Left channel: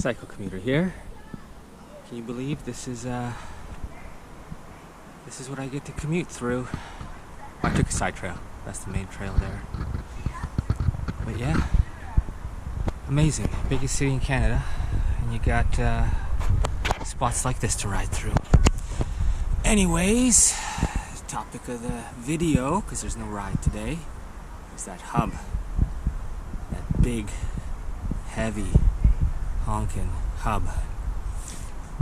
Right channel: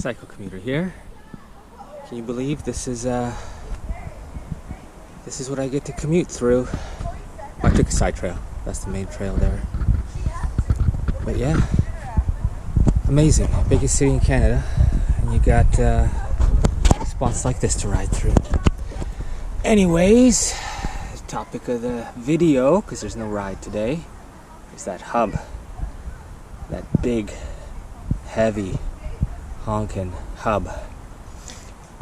Commuter here. Can you believe this is what I get to commute through? I took a side trail. That's the main trail there. But yeah, amazing. Biggest city in Canada, and you got spots like this to ride through. Anyways, topic of the video, because there's no ride today, is that hub. That big, heavy, honkin' hub.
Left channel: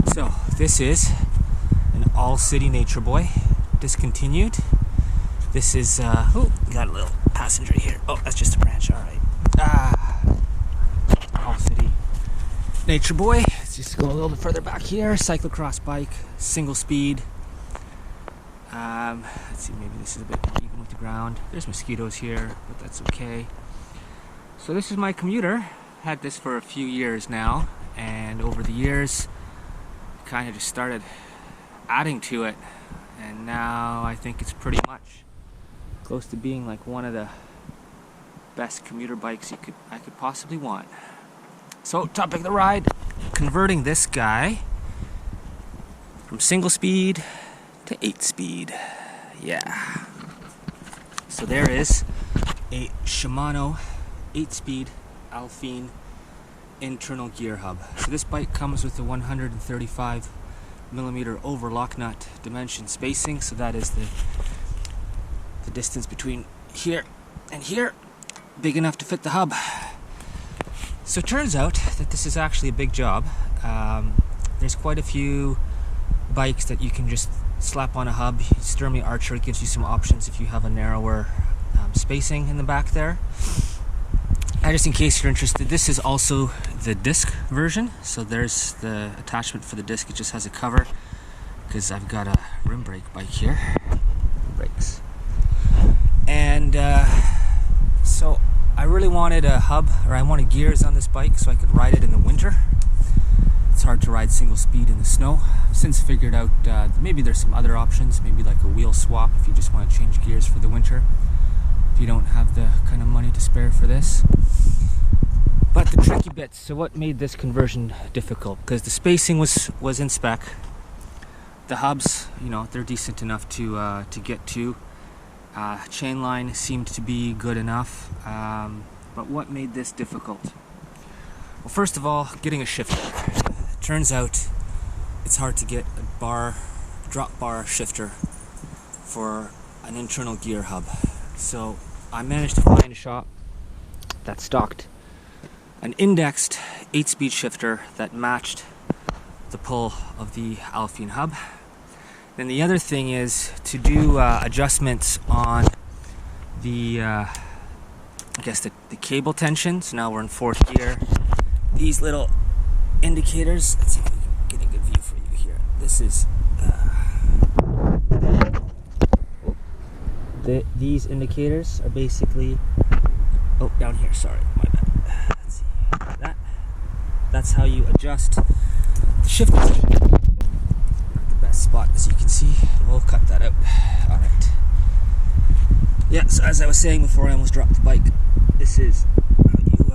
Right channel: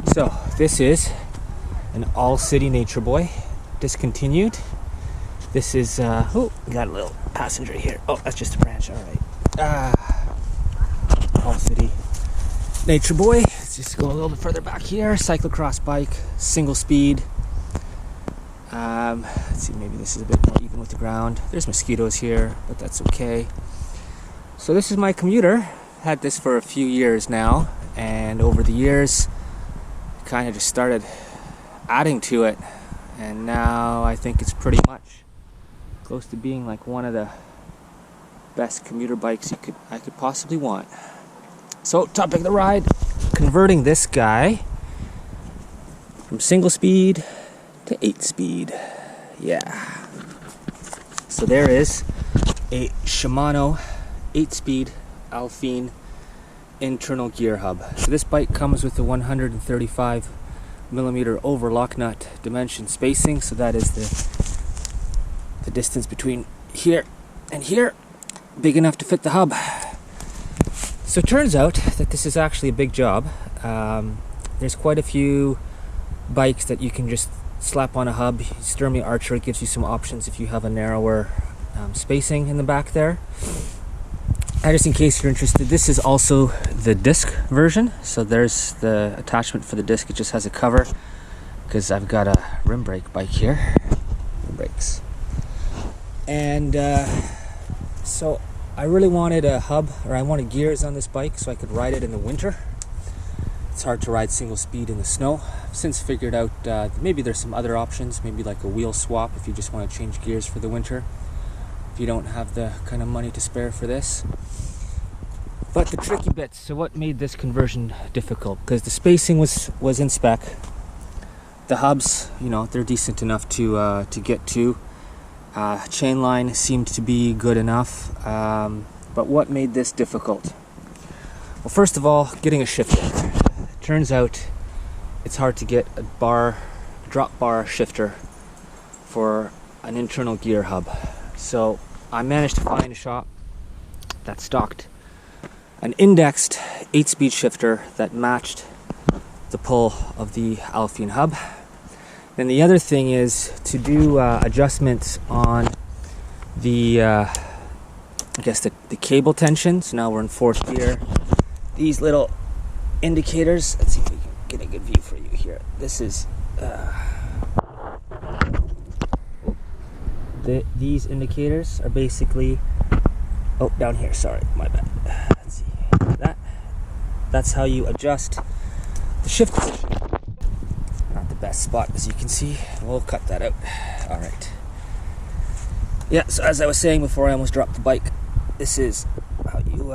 So this is an all-city Nature Boy, discontinued. This is oh, got a little passenger here. Oh, that's just a branch. All right. All-city Nature Boy. Let's just go a little bit further back here. Cyclocross bike, single speed. Let's see, maybe this is a bit more even with the ground. There's mosquitoes here, but that's okay. So this is my Commuter. Had this for a few years now, and over the years kind of just started adding to it, and now I think it's pretty much close to being like one of the best commuter bikes I could possibly want. So topic of the ride, converting this guy from single speed to 8-speed. Yeah. So there is a Shimano 8-speed Alpine internal gear hub. So this bike comes with the 135 millimeter overlock nut dimension spacing. So that is the distance between here and here, big enough to fit the hub. So it turns out that this is actually a big job. There's quite a few bikes that you can just slap on a hub. Sturmey Archer gives you some options if you have a narrower spacing in the back there. Just in case you're interested, this is also the disc version. So there's the attachment for the disc. It just has a cover because I've got a rim brake bike here. Rim brakes. And so I really wanted a hub, or I wanted gears on this bike so I could ride it in the winter. It's hard to ride single speed in the snow. I've since figured out maybe there's some other options, maybe like a wheel swap if you just want to change gears for the winter, if you don't have the kind of money to spare for this. But the tricky bits, so what made this conversion difficult? Because the spacing was in spec. The hubs, you know, they're decent enough to get to. Chain line seemed to be good enough. But what made this difficult? Well, first of all, getting a shifter. Turns out it's hard to get a drop bar shifter for an internal gear hub. So I managed to find a shop that stocked an indexed 8-speed shifter that matched the pull of the Alpine hub. Then the other thing is to do adjustments on the I guess the cable tension. So now we're in 4th gear. These little indicators, let's see if we can get a good view for you here. This is these indicators are basically, oh, down here, sorry, my bad. Let's see, that's how you adjust the shift position. Not the best spot, as you can see. We'll cut that out. All right. Yeah, so as I was saying before I almost dropped the bike, this is how you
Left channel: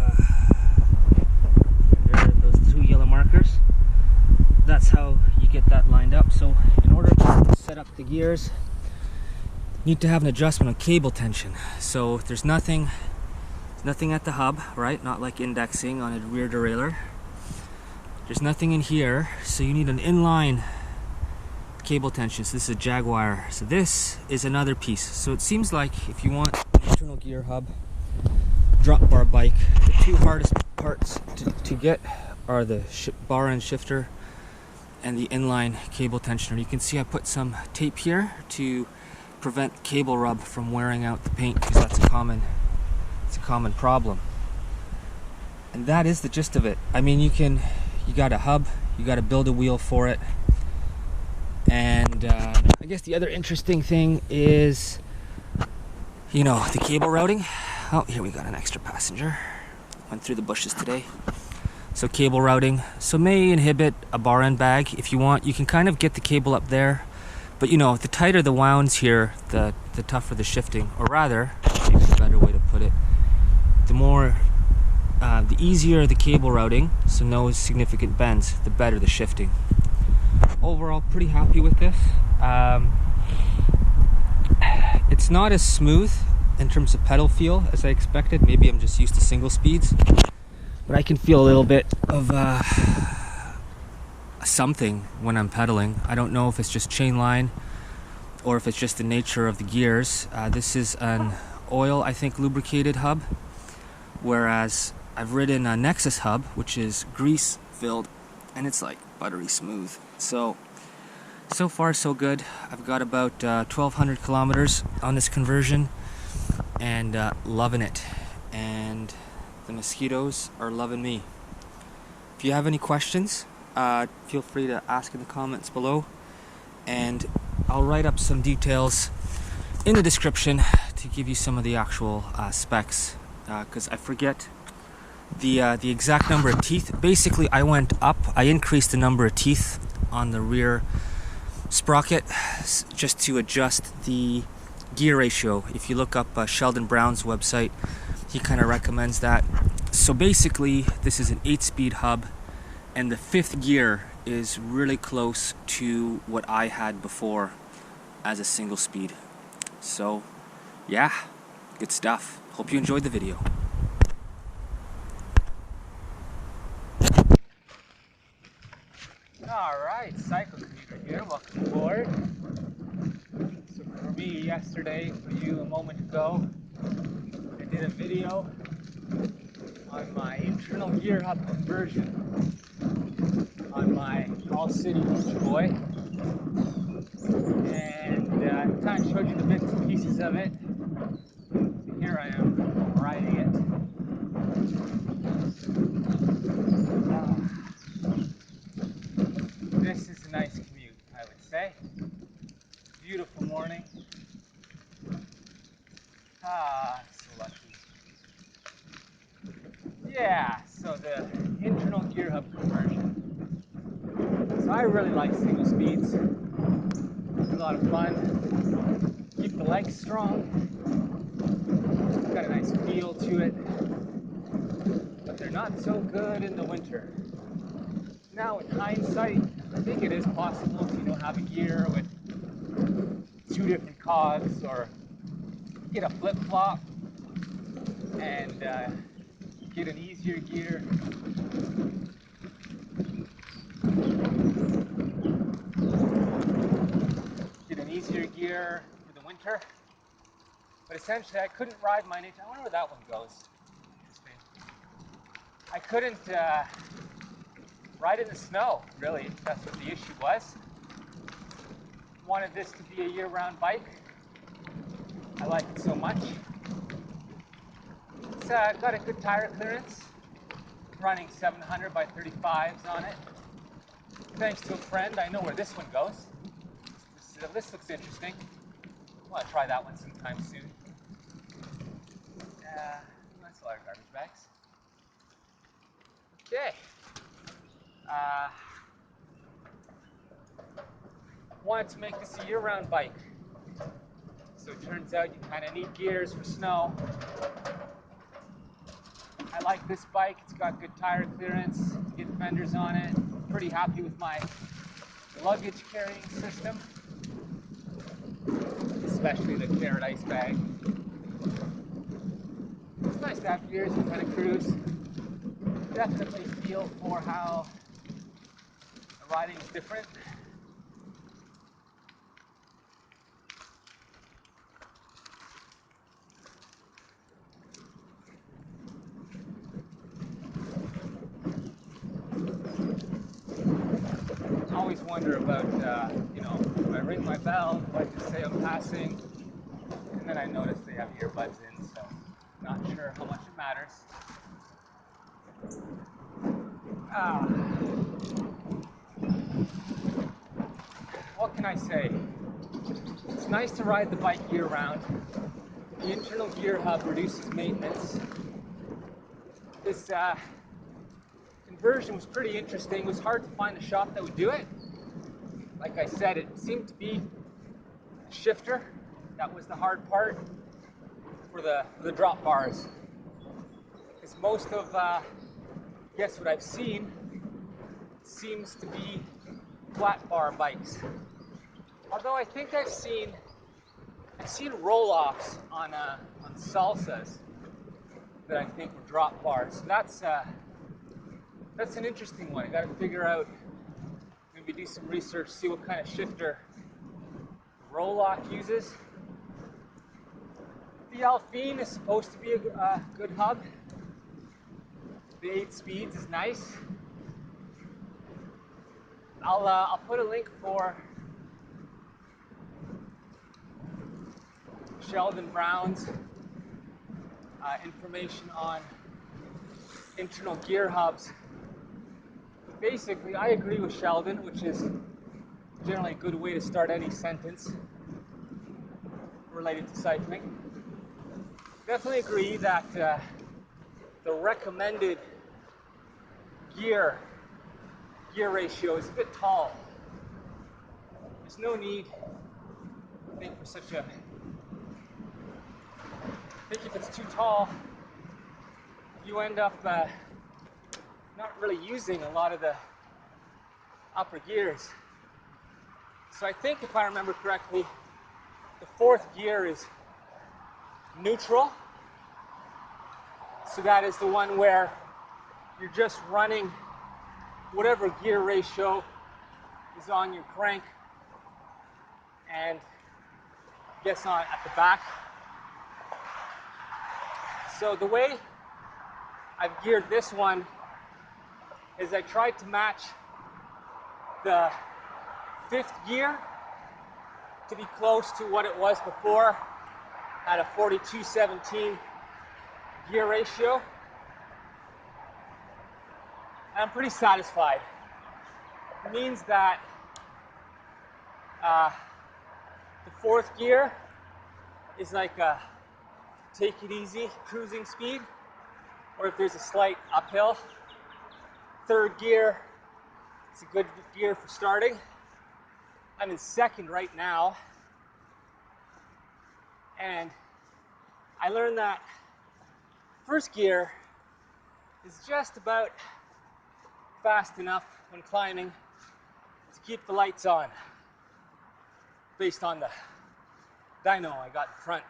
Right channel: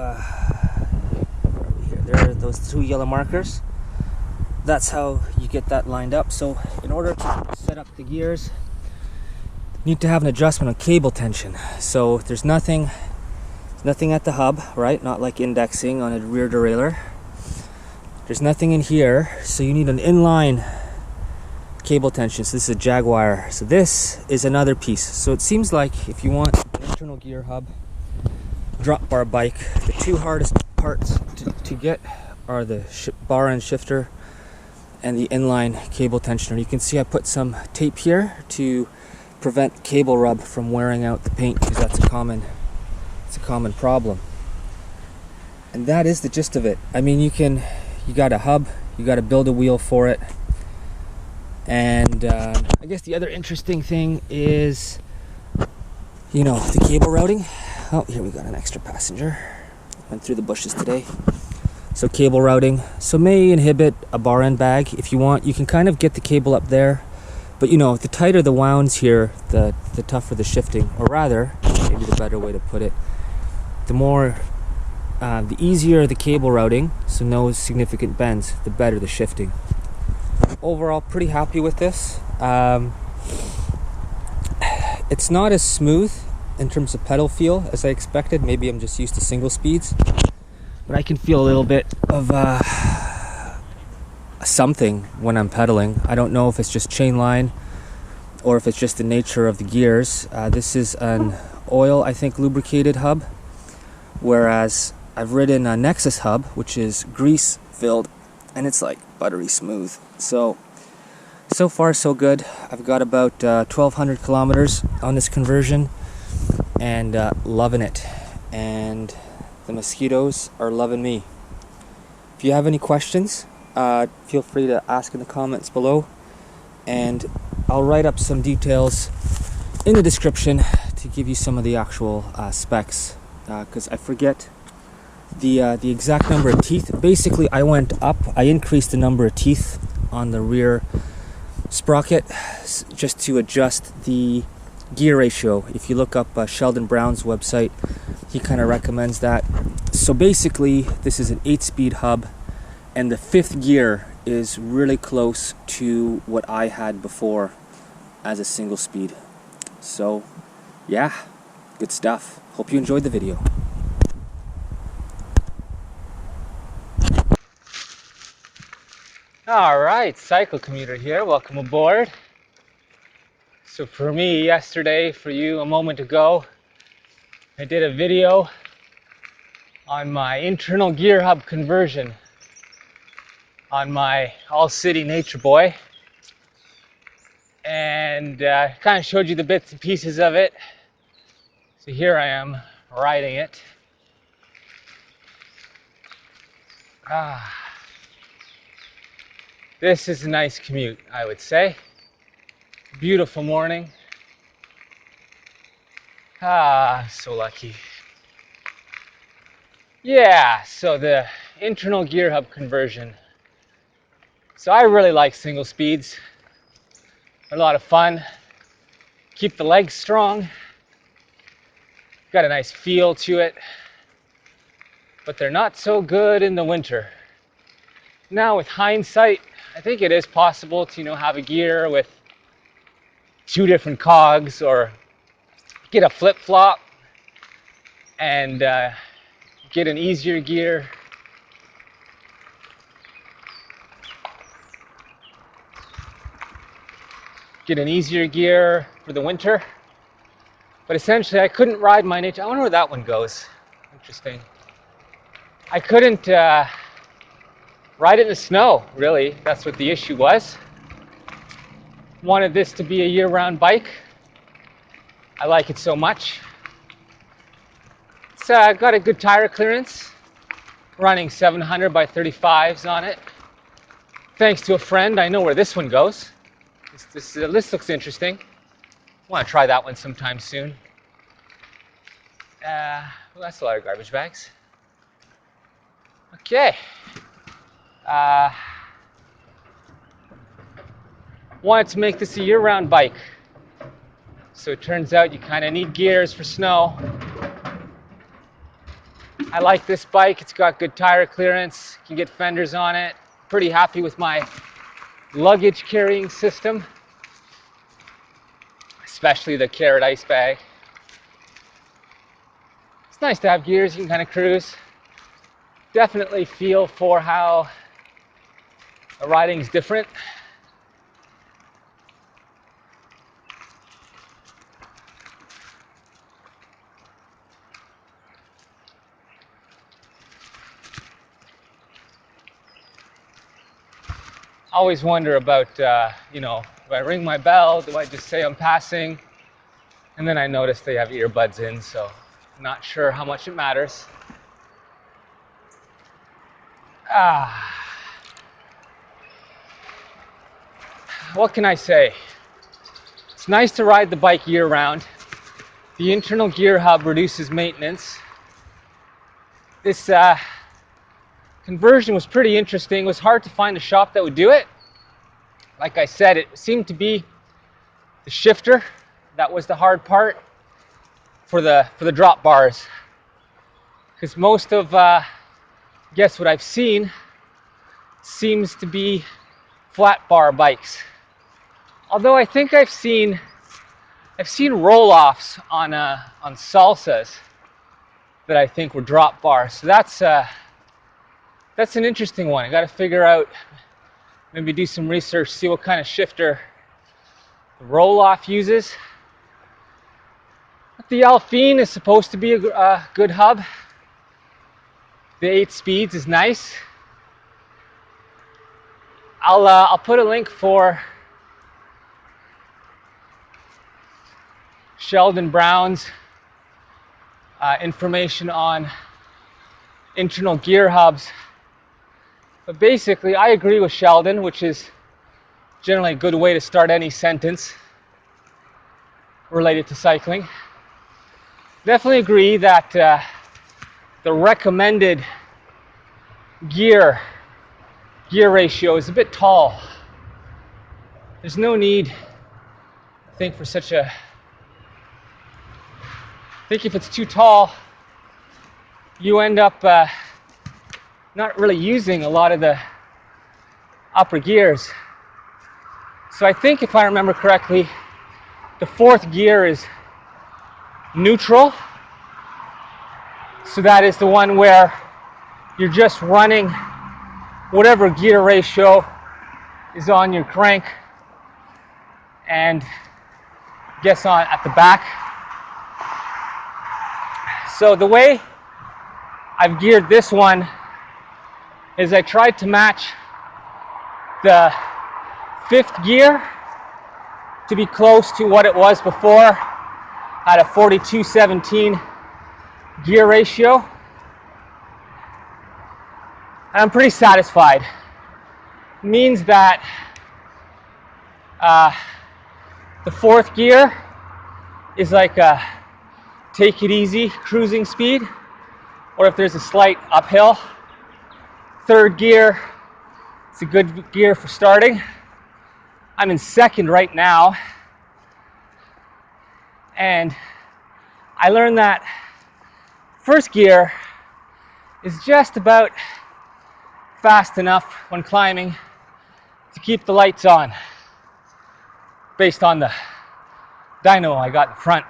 there are those 2 yellow markers. That's how you get that lined up. So in order to set up the gears, you need to have an adjustment on cable tension. So there's nothing at the hub, right? Not like indexing on a rear derailleur. There's nothing in here, so you need an inline cable tension. So this is a Jaguar. So this is another piece. So it seems like if you want an internal gear hub drop bar bike, the 2 hardest parts to get are the bar end shifter and the inline cable tensioner. You can see I put some tape here to prevent cable rub from wearing out the paint, because that's a common problem. And that is the gist of it. I mean, you got a hub, you got to build a wheel for it. And I guess the other interesting thing is, you know, the cable routing. Oh, here we got an extra passenger. Went through the bushes today. So cable routing. So may inhibit a bar end bag. If you want, you can kind of get the cable up there. But you know, the tighter the wounds here, the tougher the shifting. Or rather, maybe the better way to put it, the more The easier the cable routing, so no significant bends, the better the shifting. Overall, pretty happy with this. It's not as smooth in terms of pedal feel as I expected. Maybe I'm just used to single speeds, but I can feel a little bit of something when I'm pedaling. I don't know if it's just chain line or if it's just the nature of the gears. This is an oil, I think, lubricated hub, whereas I've ridden a Nexus hub, which is grease filled, and it's like buttery smooth. So far so good. I've got about 1,200 kilometers on this conversion, and loving it. And the mosquitoes are loving me. If you have any questions, feel free to ask in the comments below, and I'll write up some details in the description to give you some of the actual specs, because I forget the exact number of teeth. Basically, I increased the number of teeth on the rear sprocket just to adjust the gear ratio. If you look up Sheldon Brown's website, he kind of recommends that. So basically, this is an 8-speed hub, and the 5th gear is really close to what I had before as a single speed. So yeah, good stuff. Hope you enjoyed the video. Alright, Commuter here, welcome aboard. So for me yesterday, for you a moment ago, I did a video on my internal gear hub conversion on my all-city Nature Boy, and kind of showed you the bits and pieces of it. So here I am riding it. This is a nice commute, I would say. Beautiful morning. So lucky. Yeah, so the internal gear hub conversion. So I really like single speeds. They're a lot of fun. Keep the legs strong. Got a nice feel to it. But they're not so good in the winter. Now with hindsight, I think it is possible to, have a gear with 2 different cogs, or get a flip-flop and get an easier gear. Get an easier gear for the winter. But essentially, I couldn't ride my Nature. I wonder where that one goes. Interesting. I couldn't ride it in the snow, really. That's what the issue was. Wanted this to be a year-round bike. I like it so much. It's got a good tire clearance. Running 700 by 35s on it. Thanks to a friend, I know where this one goes. This looks interesting. I want to try that one sometime soon. Well, that's a lot of garbage bags. Okay. Wanted to make this a year-round bike. So it turns out you kind of need gears for snow. I like this bike. It's got good tire clearance. You can get fenders on it. Pretty happy with my luggage carrying system, especially the Carrot ice bag. It's nice to have gears. You can kind of cruise. Definitely feel for how the riding is different. Always wonder about, do I ring my bell? Do I just say I'm passing? And then I notice they have earbuds in, so I'm not sure how much it matters. What can I say? It's nice to ride the bike year-round. The internal gear hub reduces maintenance. This conversion was pretty interesting. It was hard to find a shop that would do it. Like I said, it seemed to be the shifter that was the hard part for the drop bars. because most of guess what I've seen seems to be flat bar bikes. Although I think I've seen roll-offs on salsas that I think were drop bars. So that's an interesting one. I got to figure out, maybe do some research, see what kind of shifter the roll-off uses. The Alphine is supposed to be a good hub. The 8 speeds is nice. I'll put a link for Sheldon Brown's information on internal gear hubs. But basically, I agree with Sheldon, which is generally a good way to start any sentence related to cycling. Definitely agree that the recommended gear ratio is a bit tall. There's no need, I think, for such a... I think if it's too tall, you end up not really using a lot of the upper gears. So I think, if I remember correctly, the 4th gear is neutral. So that is the one where you're just running whatever gear ratio is on your crank and guess on at the back. So the way I've geared this one is I tried to match the 5th gear to be close to what it was before at a 42-17 gear ratio. And I'm pretty satisfied. It means that the 4th gear is like a take it easy cruising speed, or if there's a slight uphill. 3rd gear, it's a good gear for starting. I'm in 2nd right now, and I learned that 1st gear is just about fast enough when climbing to keep the lights on, based on the dyno I got in front.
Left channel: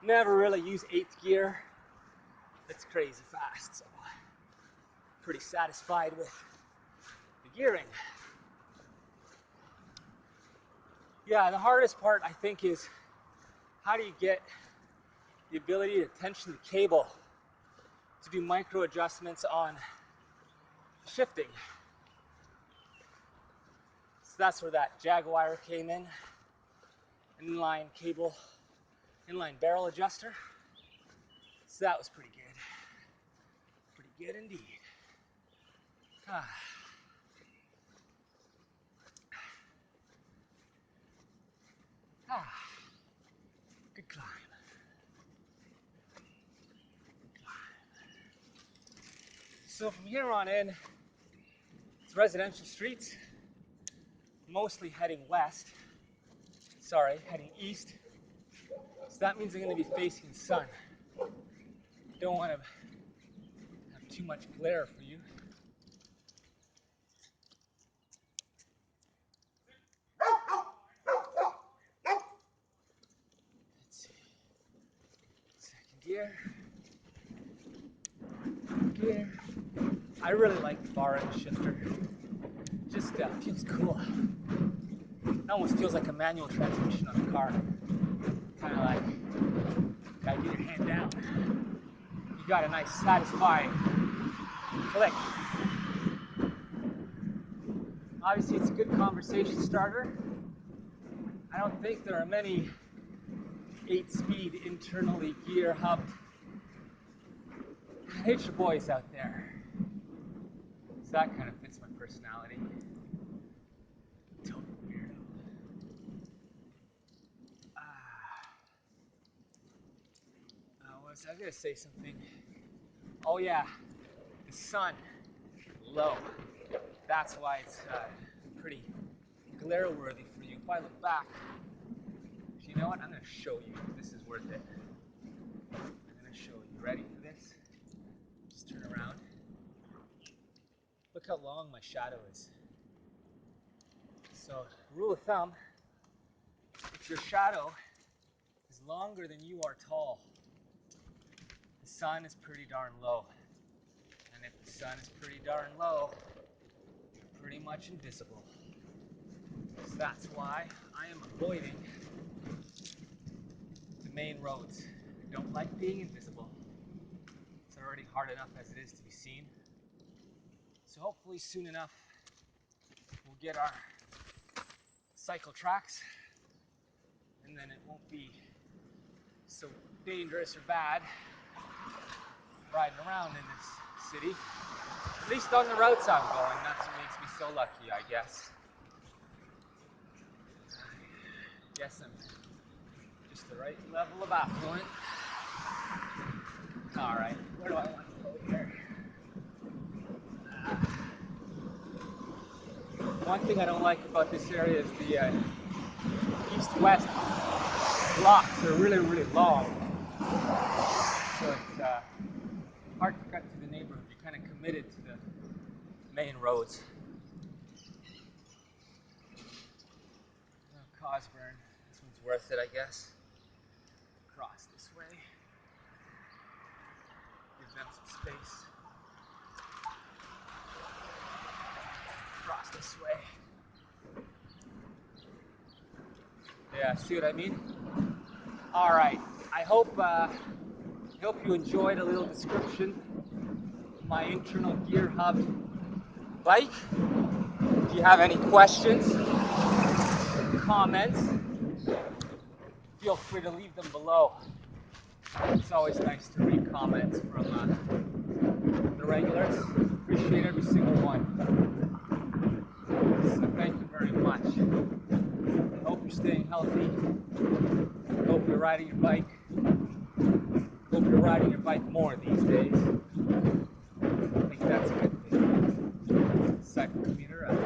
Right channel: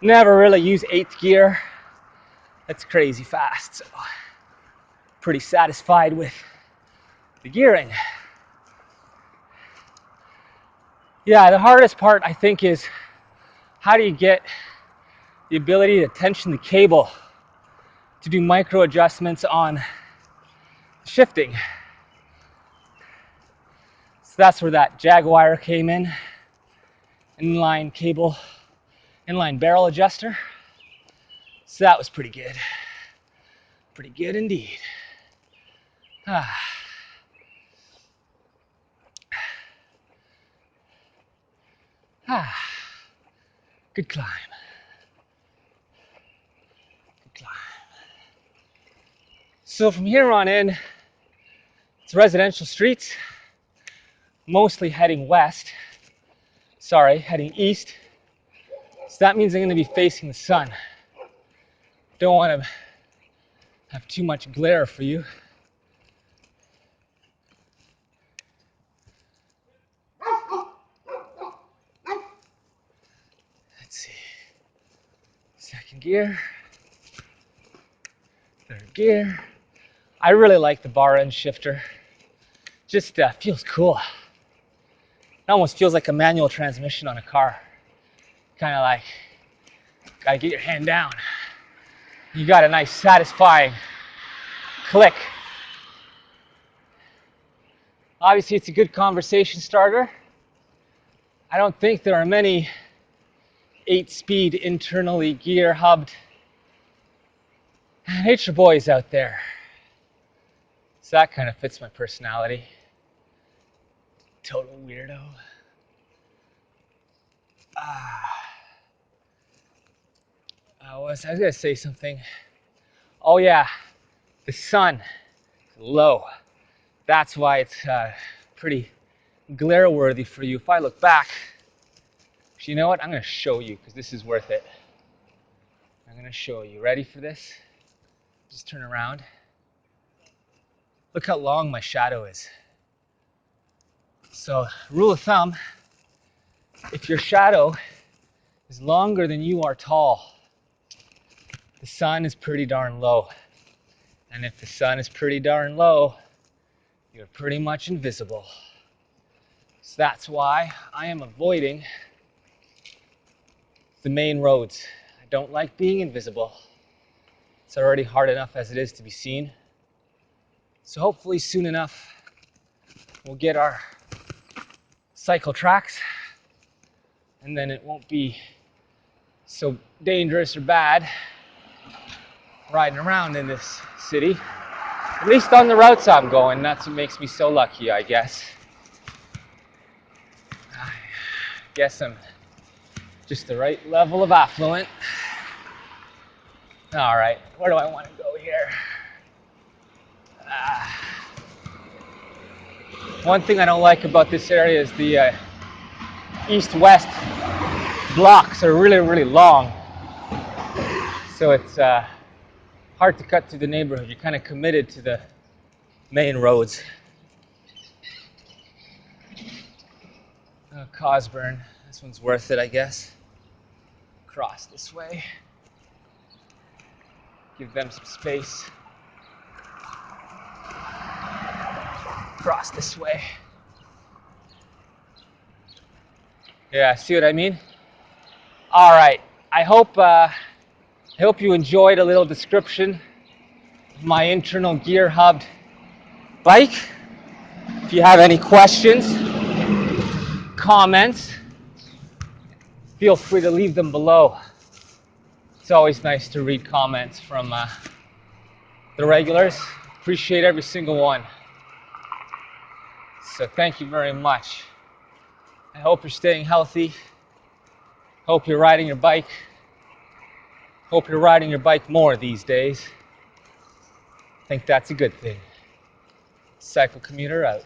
Never really use 8th gear. That's crazy fast, so pretty satisfied with the gearing. Yeah, the hardest part, I think, is how do you get the ability to tension the cable to do micro adjustments on shifting. So that's where that Jaguar came in. Inline cable, inline barrel adjuster. So that was pretty good. Pretty good indeed. Good climb. Good climb. So from here on in, it's residential streets, mostly heading west. Sorry, heading east. So that means I'm going to be facing the sun. Don't want to have too much glare for you. Let's see. 2nd gear. 3rd gear. I really like the bar end shifter. Just feels cool. It almost feels like a manual transmission on a car. Kind of like, gotta get your hand down. You got a nice satisfying click. Obviously, it's a good conversation starter. I don't think there are many 8-speed internally gear hubbed nature boys out there. So that kind of fits my personality. Total weirdo. I was gonna say something. Oh yeah, the sun, low. That's why it's pretty glare worthy for you. If I look back, you know what? I'm gonna show you, because this is worth it. I'm going to show you. Ready for this? Just turn around. Look how long my shadow is. So, rule of thumb, if your shadow is longer than you are tall, the sun is pretty darn low. And if the sun is pretty darn low, you're pretty much invisible. So that's why I am avoiding the main roads. I don't like being invisible. It's already hard enough as it is to be seen. So hopefully soon enough, we'll get our cycle tracks, and then it won't be so dangerous or bad riding around in this city. At least on the routes I'm going, that's what makes me so lucky, I guess. I guess I'm just the right level of affluent. All right, where do I want to go here? One thing I don't like about this area is the east-west blocks are really, really long. So it's hard to cut through the neighborhood. You're kind of committed to the main roads. Cosburn, this one's worth it, I guess. Cross this way. Give them some space. Cross this way. Yeah, see what I mean? All right, I hope you enjoyed a little description of my internal gear hubbed bike. If you have any questions, comments, feel free to leave them below. It's always nice to read comments from the regulars. Appreciate every single one. So thank you very much. I hope you're staying healthy. Hope you're riding your bike. Hope you're riding your bike more these days. I think that's a good thing. Cycle Commuter out.